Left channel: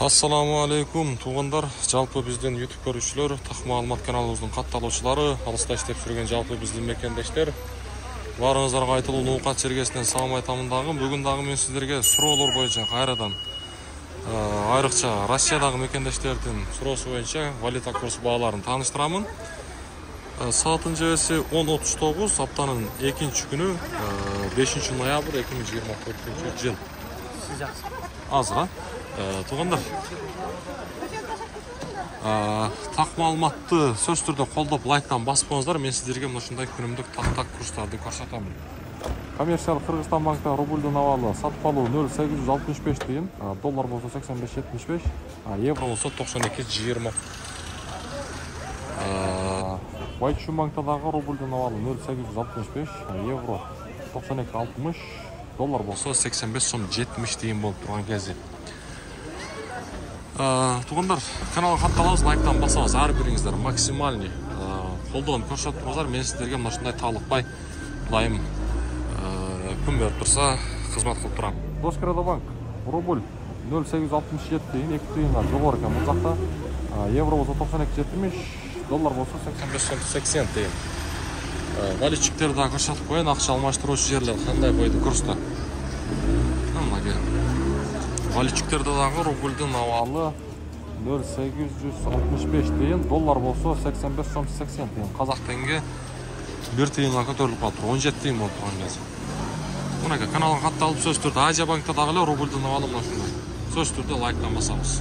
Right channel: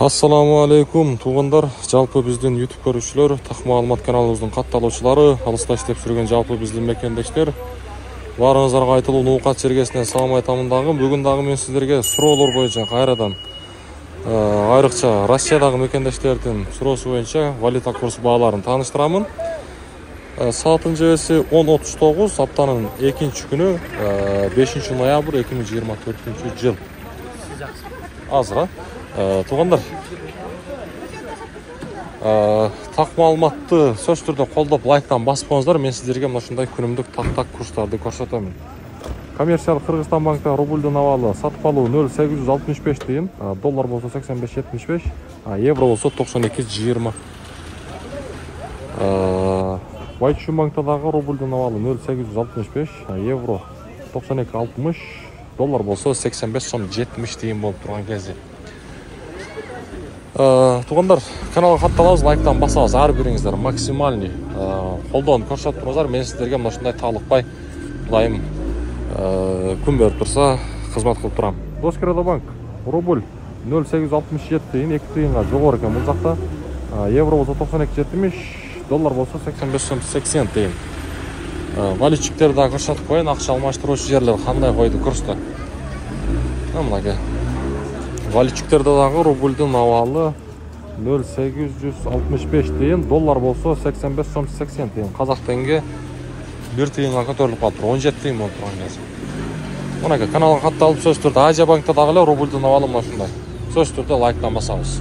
Assalamu alaikum туғандар, жалпы біздің YouTube көрушілер, тақ маалымат каналымыздың қатталушылары, алыста іштеп жүрген жалпы біздің мекендештер. Барыңыздарға айтылу Ноқат жергесінен салам айтамындағы. Бүгін дағы мен сіздерге сұраулар бойынша қайрадан айрықша Россиядағы мекендештердің сұраусы бойынша валюта курсы бағаларын таныштырамын. Саатын жебесі 10:39, аптаның 2-ші күні 5 ноябрь 2024 жыл. Азыра. Туғандар, тақ маалыматты сөз түрде қолдап лайктан басып қойыңыздар. Мен сіздерге мынашындай күнімдік тақ курстарды көрсетемін. Коммерциялы Қырғызстан банкта рубльдің авалы сатып алу 0,865 тиын, доллар болса 85,75, евро болса 92,20. Вайтшун банктадағы рубльдің авалы 0,865, евро 92,60, доллар болса 85,70 тиын болып тұрған кезде. Туғандар, каналға хатталаңыз, лайктан басаңыз, әрбіріңіздер максимальный қолдауын көрсетіп тұрыңыздар. Мен сіздерге мынашындай талықпай лайым күн беріп тұрса қызмет қылып тұрам. Доскрадобанк рубль 0,867 тиын, 2 тиынға жоғары екен бұл жақта. Евро болса 92,70, доллар болса 85,80 тиын. Валютчиктерді көрсетіп қойын, ақша алмаштырушы жерлер қандай қойды курста. Мынаке. Валютчиктердегі рубльдің авалы 0,865 тиын, доллар болса 85,80 тиын. Қазақ теңге 1 тиынға көтеріліп қалып тұр, 17 тиын болып тұрған кез. Мұнаке, каналға хатталып сөз түрді Азия банктадағылар рубльдің авалы мұнашындай. Сөз түрді лайктан басамыз.